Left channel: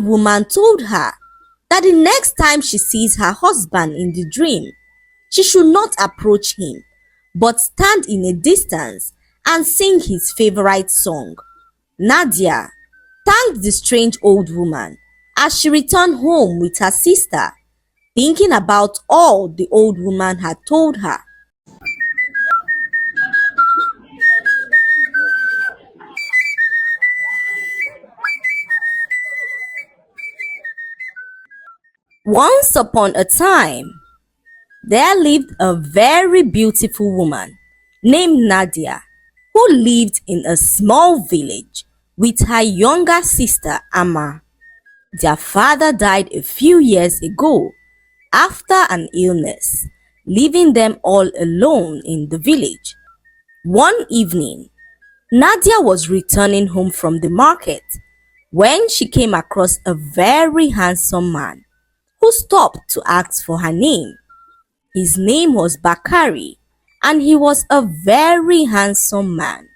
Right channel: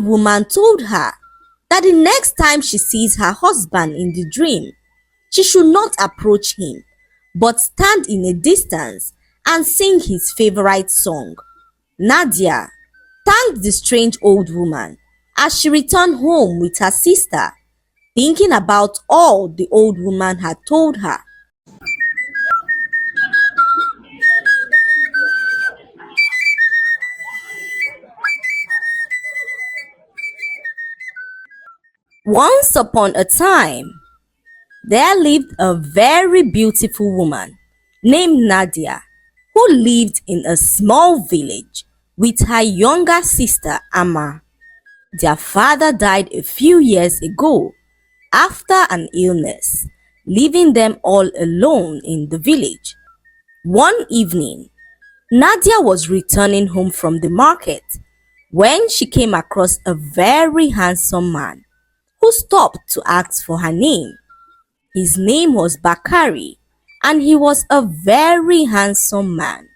old woman told her that the next time she sees her husband in the dream, she should not approach him, but stand in a distance and sing his favorite song. Nadia thanked the strange old woman as she returned home with her sister, thinking about all the old woman had told her. Once upon a time, there lived a very beautiful woman named Nadia who lived in a small village with her younger sister Amma. Their father died a few years ago after an illness, leaving them all alone in the village. One evening, Nadia was returning home from the market when she came across a very handsome man who stopped to ask for her name. His name was Bakari, and he was a very handsome man.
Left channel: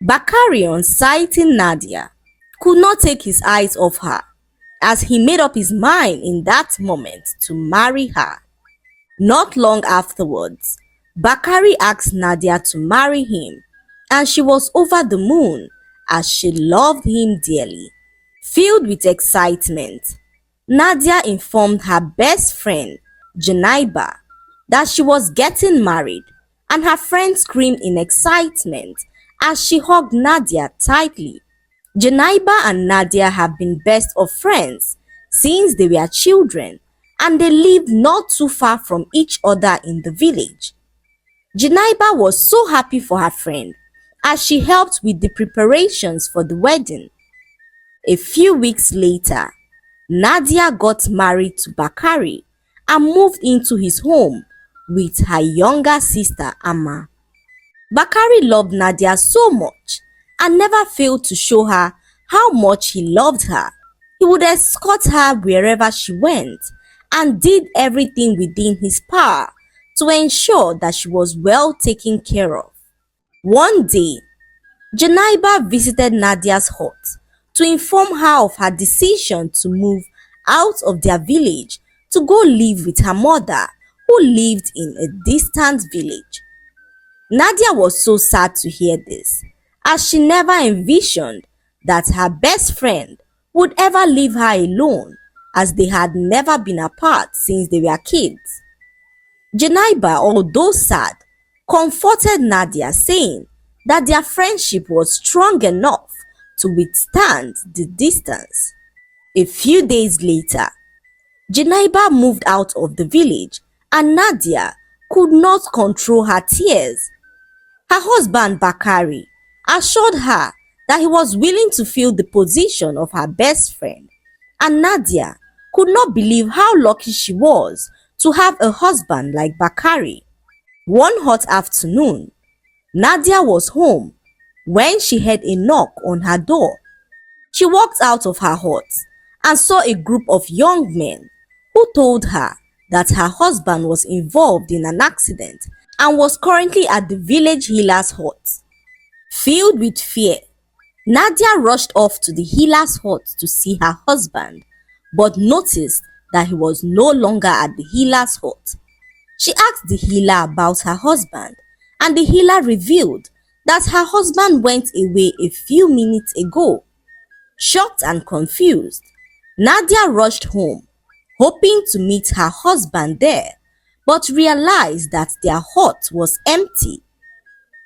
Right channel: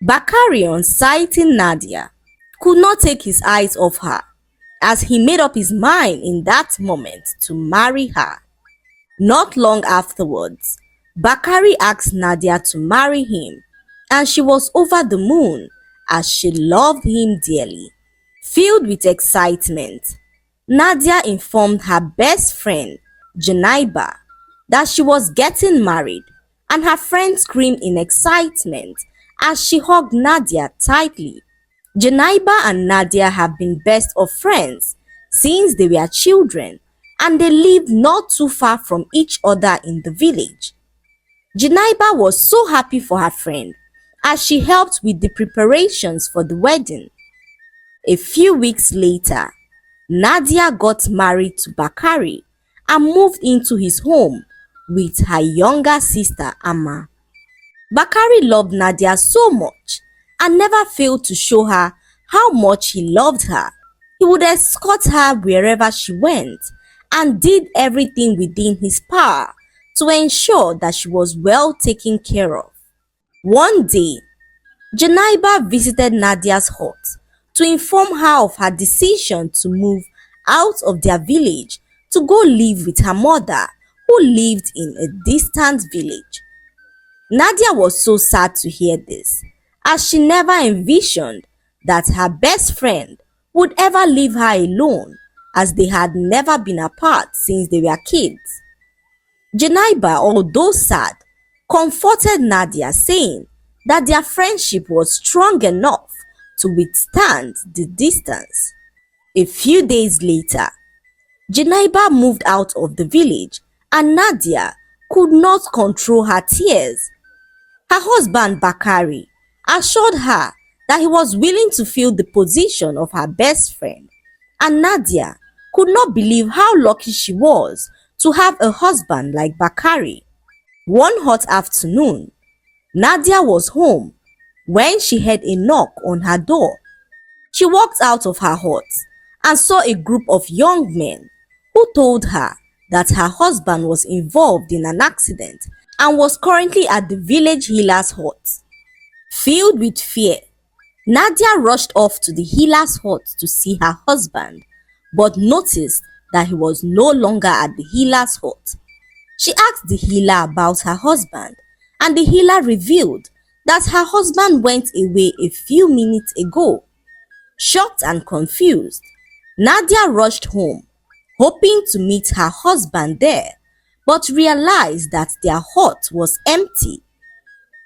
Bakari, on sighting Nadia, could not take his eyes off her, as he made up his mind in that moment to marry her. Not long afterwards, Bakari asked Nadia to marry him, and she was over the moon as she loved him dearly. Filled with excitement, Nadia informed her best friend, Janaiba, that she was getting married, and her friend screamed in excitement as she hugged Nadia tightly. Janaiba and Nadia have been best of friends since they were children, and they lived not too far from each other in the village. Janaiba was so happy for her friend as she helped with the preparations for the wedding. A few weeks later, Nadia got married to Bakari and moved into his home with her younger sister Amma. Bakari loved Nadia so much and never failed to show her how much he loved her. He would escort her wherever she went and did everything within his power to ensure that she was well taken care of. One day, Janaiba visited Nadia's hut to inform her of her decision to move out of their village to go live with her mother, who lived in a distant village. Nadia was so sad to hear this, as she never envisioned that her best friend would ever leave her alone, as they had never been apart since they were kids. Janaiba, although sad, comforted Nadia, saying that their friendship was strong enough to withstand the distance. A few days later, Janaiba moved out of the village and Nadia could not control her tears. Her husband Bakari assured her that he was willing to fill the position of her best friend, and Nadia could not believe how lucky she was to have a husband like Bakari. One hot afternoon, Nadia was home when she heard a knock on her door. She walked out of her hut and saw a group of young men who told her that her husband was involved in an accident and was currently at the village healer's hut. Filled with fear, Nadia rushed off to the healer's hut to see her husband, but noticed that he was no longer at the healer's hut. She asked the healer about her husband, and the healer revealed that her husband went away a few minutes ago. Shocked and confused, Nadia rushed home, hoping to meet her husband there, but realized that their hut was empty.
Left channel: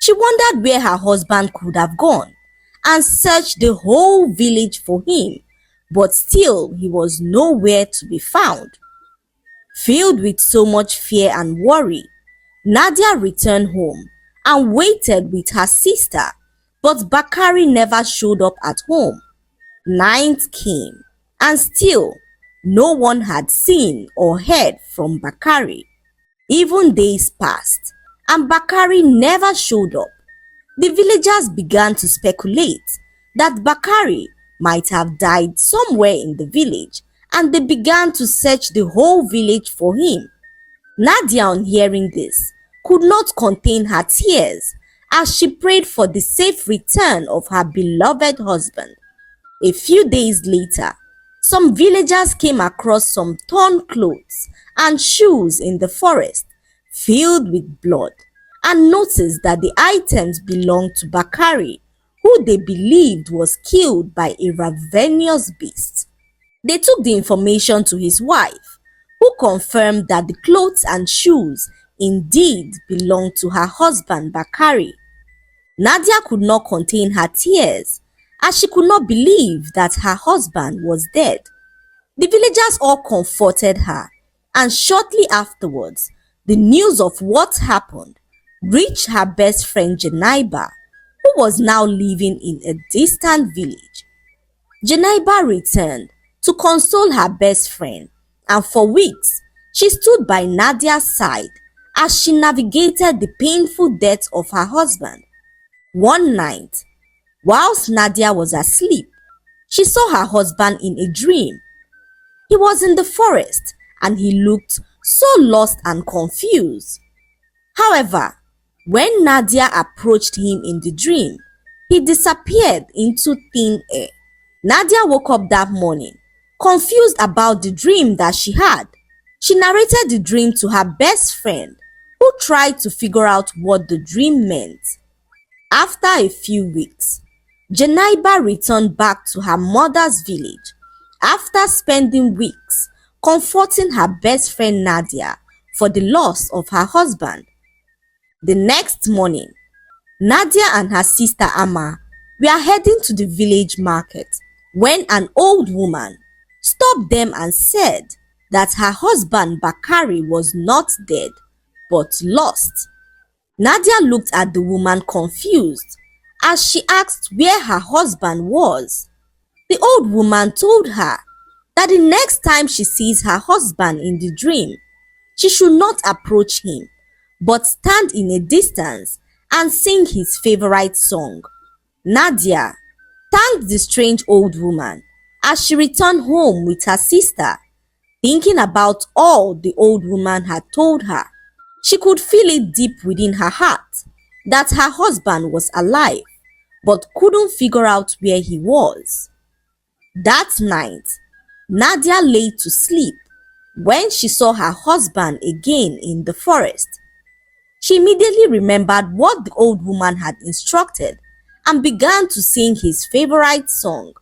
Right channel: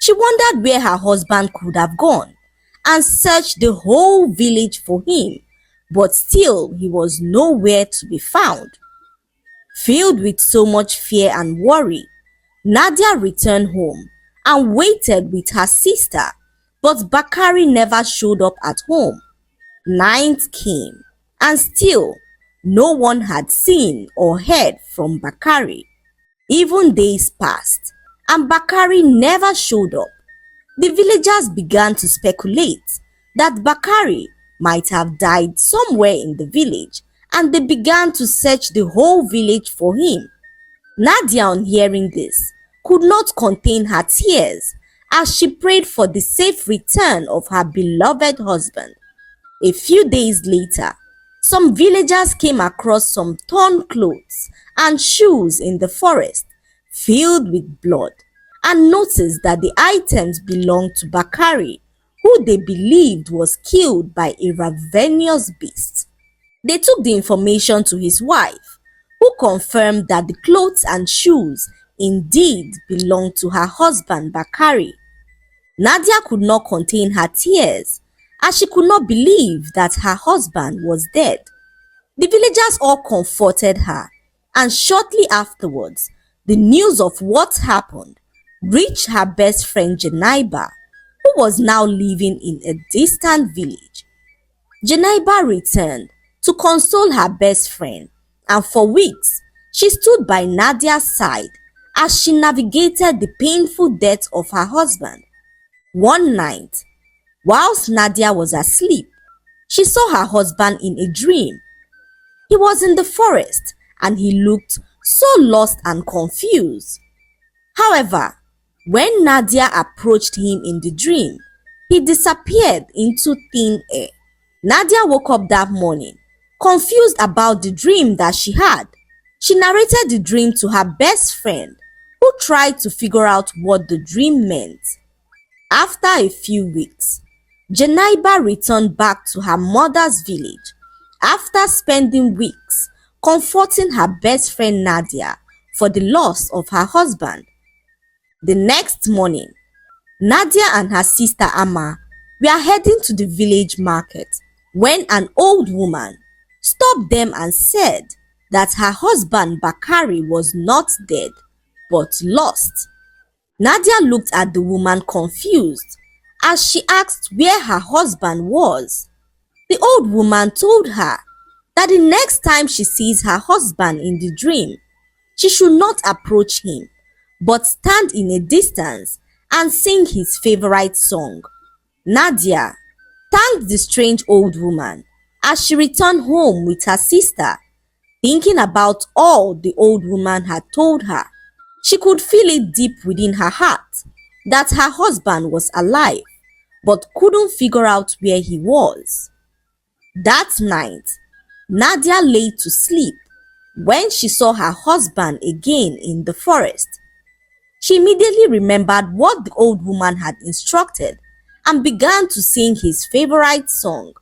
She wondered where her husband could have gone and searched the whole village for him, but still he was nowhere to be found. Filled with so much fear and worry, Nadia returned home and waited with her sister, but Bakari never showed up at home. Night came, and still no one had seen or heard from Bakari. Even days passed, and Bakari never showed up. The villagers began to speculate that Bakari might have died somewhere in the village, and they began to search the whole village for him. Nadia, on hearing this, could not contain her tears as she prayed for the safe return of her beloved husband. A few days later, Some villagers came across some torn clothes and shoes in the forest filled with blood and noticed that the items belonged to Bakari, who they believed was killed by a ravenous beast. They took the information to his wife, who confirmed that the clothes and shoes indeed belonged to her husband Bakari. Nadia could not contain her tears as she could not believe that her husband was dead. The villagers all comforted her, and shortly afterwards, the news of what happened reached her best friend Janaiba, who was now living in a distant village. Janaiba returned to console her best friend, and for weeks she stood by Nadia's side as she navigated the painful death of her husband. One night, whilst Nadia was asleep, she saw her husband in a dream. He was in the forest and he looked so lost and confused. However, when Nadia approached him in the dream, he disappeared into thin air. Nadia woke up that morning, confused about the dream that she had. She narrated the dream to her best friend, who tried to figure out what the dream meant. After a few weeks, Janaiba returned back to her mother's village after spending weeks comforting her best friend Nadia for the loss of her husband. The next morning, Nadia and her sister Amma were heading to the village market when an old woman stopped them and said that her husband Bakari was not dead but lost. Nadia looked at the woman confused as she asked where her husband was. The old woman told her that the next time she sees her husband in the dream, she should not approach him, but stand in a distance and sing his favorite song. Nadia thanked the strange old woman as she returned home with her sister, thinking about all the old woman had told her. She could feel it deep within her heart that her husband was alive, but couldn't figure out where he was. That night, Nadia lay to sleep when she saw her husband again in the forest. She immediately remembered what the old woman had instructed and began to sing his favorite song.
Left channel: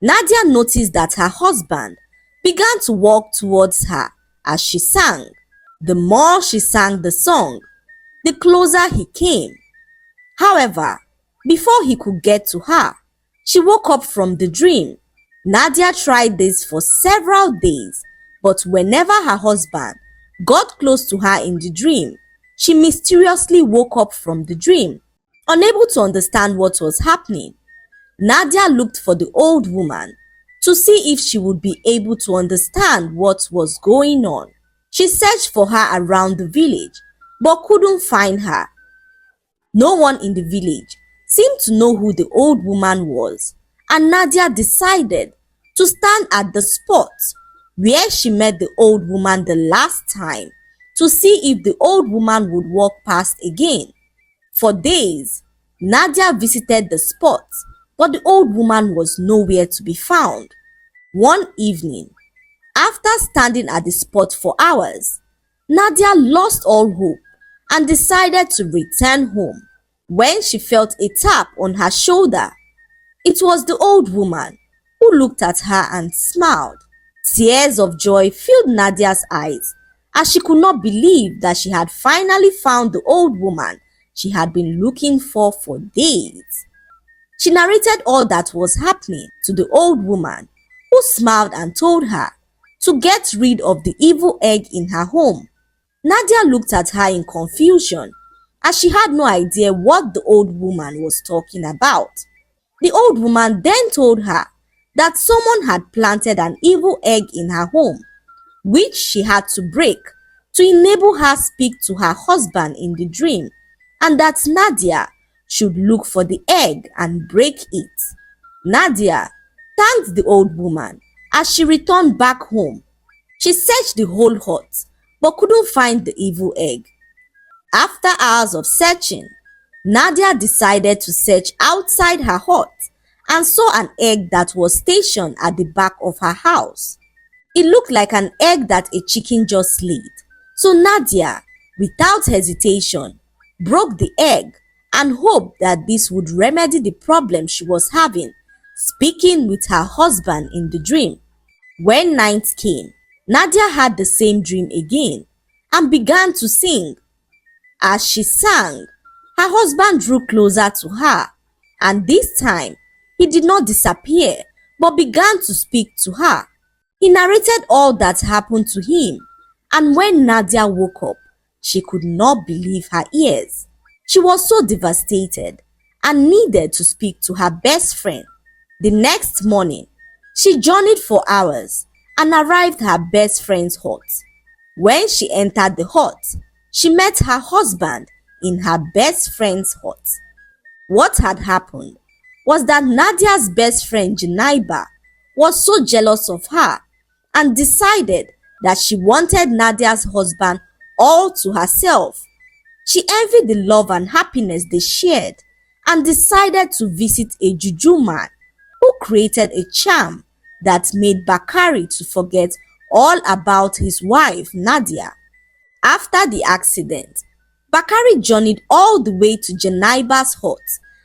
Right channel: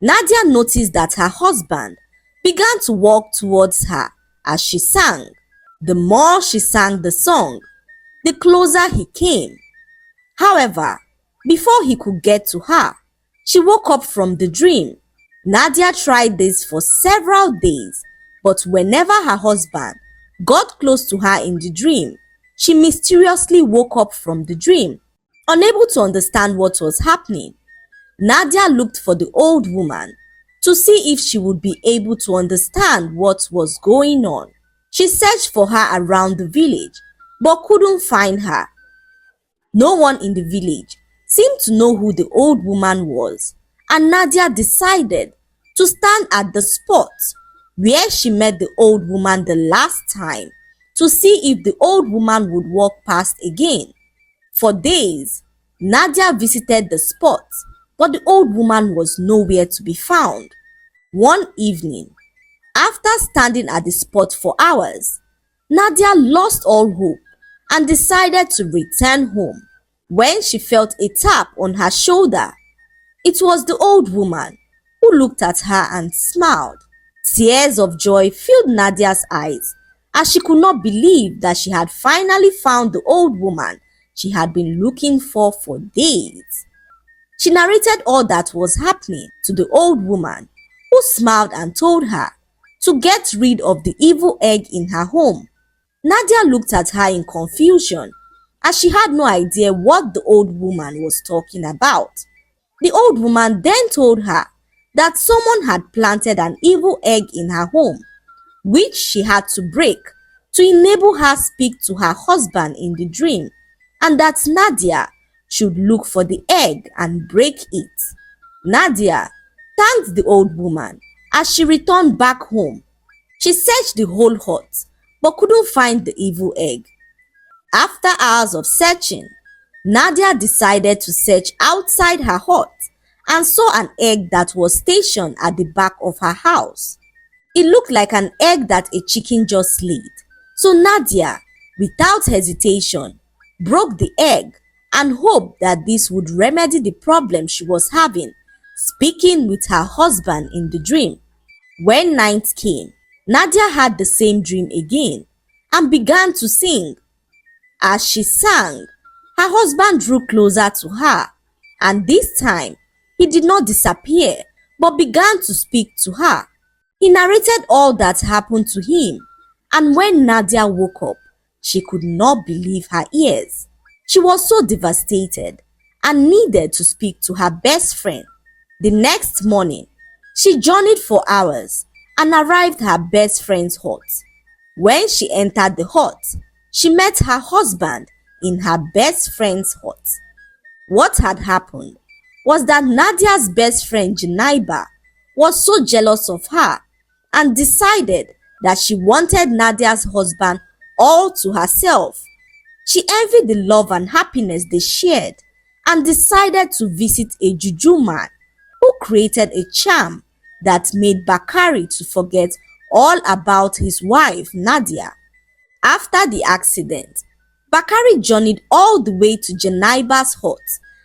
Nadia noticed that her husband began to walk towards her as she sang. The more she sang the song, the closer he came. However, before he could get to her, she woke up from the dream. Nadia tried this for several days, but whenever her husband got close to her in the dream, she mysteriously woke up from the dream. Unable to understand what was happening, Nadia looked for the old woman to see if she would be able to understand what was going on. She searched for her around the village, but couldn't find her. No one in the village seemed to know who the old woman was, and Nadia decided to stand at the spot where she met the old woman the last time to see if the old woman would walk past again. For days, Nadia visited the spot, but the old woman was nowhere to be found. One evening, after standing at the spot for hours, Nadia lost all hope and decided to return home when she felt a tap on her shoulder. It was the old woman, who looked at her and smiled. Tears of joy filled Nadia's eyes as she could not believe that she had finally found the old woman she had been looking for days. She narrated all that was happening to the old woman, who smiled and told her to get rid of the evil egg in her home. Nadia looked at her in confusion as she had no idea what the old woman was talking about. The old woman then told her that someone had planted an evil egg in her home, which she had to break to enable her speak to her husband in the dream, and that Nadia should look for the egg and break it. Nadia thanked the old woman as she returned back home. She searched the whole hut but couldn't find the evil egg. After hours of searching, Nadia decided to search outside her hut and saw an egg that was stationed at the back of her house. It looked like an egg that a chicken just laid. So Nadia, without hesitation, broke the egg and hoped that this would remedy the problem she was having, speaking with her husband in the dream. When night came, Nadia had the same dream again and began to sing. As she sang, her husband drew closer to her, and this time he did not disappear but began to speak to her. He narrated all that happened to him, and when Nadia woke up, she could not believe her ears. She was so devastated and needed to speak to her best friend. The next morning, she journeyed for hours and arrived at her best friend's hut. When she entered the hut, she met her husband in her best friend's hut. What had happened was that Nadia's best friend Janaiba was so jealous of her and decided that she wanted Nadia's husband all to herself. She envied the love and happiness they shared and decided to visit a juju man who created a charm that made Bakari to forget all about his wife Nadia. After the accident, Bakari journeyed all the way to Janaiba's hut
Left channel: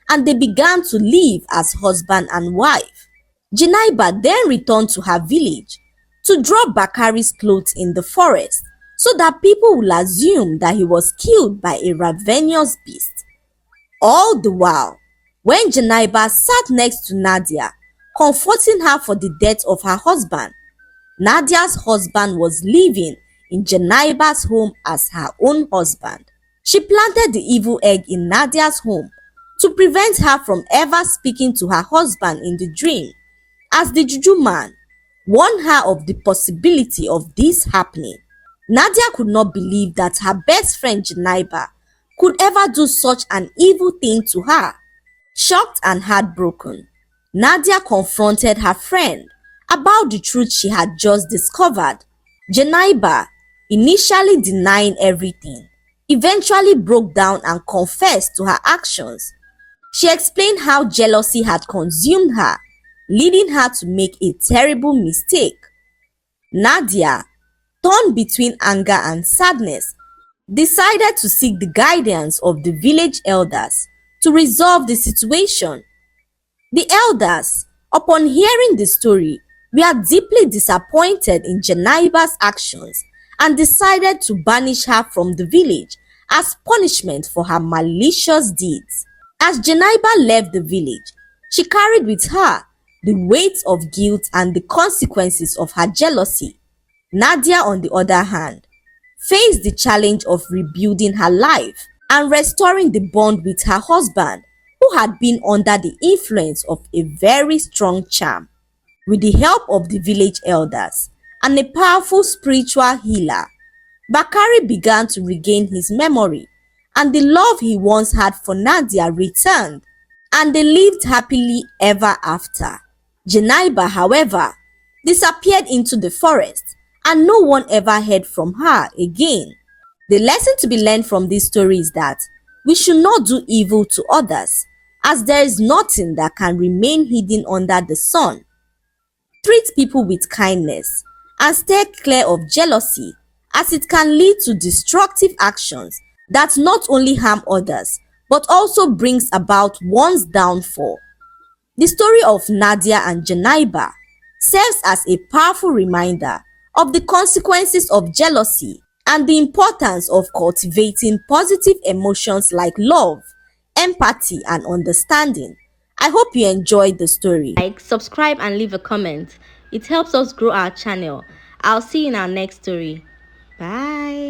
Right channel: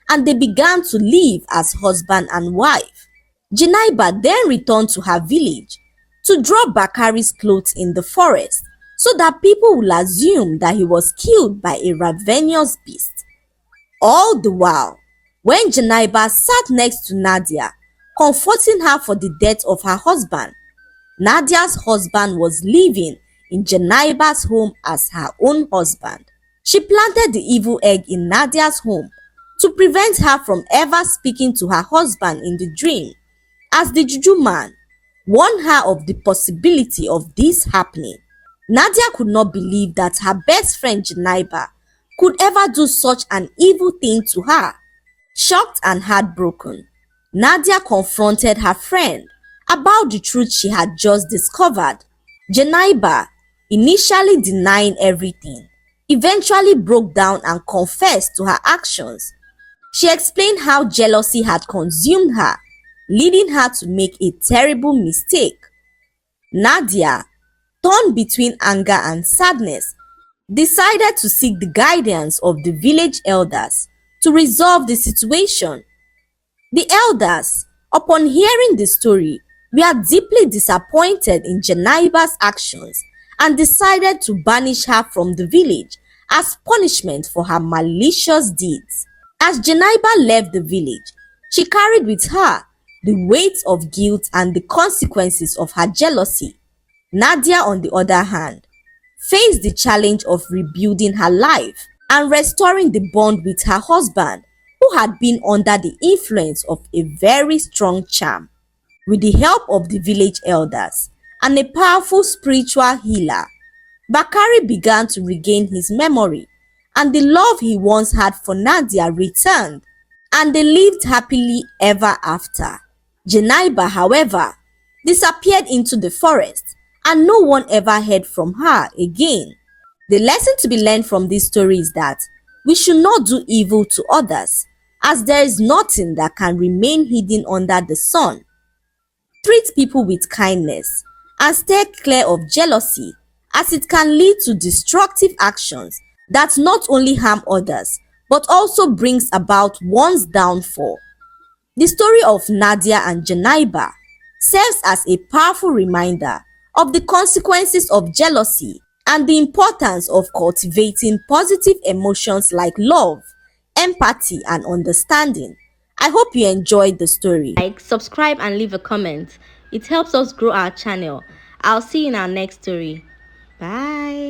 and they began to live as husband and wife. Janaiba then returned to her village to drop Bakari's clothes in the forest so that people will assume that he was killed by a ravenous beast. All the while, when Janaiba sat next to Nadia, comforting her for the death of her husband, Nadia's husband was living in Janaiba's home as her own husband. She planted the evil egg in Nadia's home to prevent her from ever speaking to her husband in the dream, as the juju man warned her of the possibility of this happening. Nadia could not believe that her best friend Janaiba could ever do such an evil thing to her. Shocked and heartbroken, Nadia confronted her friend about the truth she had just discovered. Janaiba, initially denying everything, eventually broke down and confessed to her actions. She explained how jealousy had consumed her, leading her to make a terrible mistake. Nadia, torn between anger and sadness, decided to seek the guidance of the village elders to resolve the situation. The elders, upon hearing the story, were deeply disappointed in Janaiba's actions and decided to banish her from the village as punishment for her malicious deeds. As Janaiba left the village, she carried with her the weight of guilt and the consequences of her jealousy. Nadia, on the other hand, faced the challenge of rebuilding her life and restoring the bond with her husband, who had been under the influence of a very strong charm. With the help of the village elders and a powerful spiritual healer, Bakari began to regain his memory, and the love he once had for Nadia returned, and they lived happily ever after. Janaiba, however, disappeared into the forest, and no one ever heard from her again. The lesson to be learned from this story is that we should not do evil to others, as there is nothing that can remain hidden under the sun. Treat people with kindness and stay clear of jealousy, as it can lead to destructive actions that not only harm others but also brings about one's downfall. The story of Nadia and Janaiba serves as a powerful reminder of the consequences of jealousy and the importance of cultivating positive emotions like love, empathy, and understanding. I hope you enjoyed the story. Like, subscribe, and leave a comment. It helps us grow our channel. I'll see you in our next story. Bye.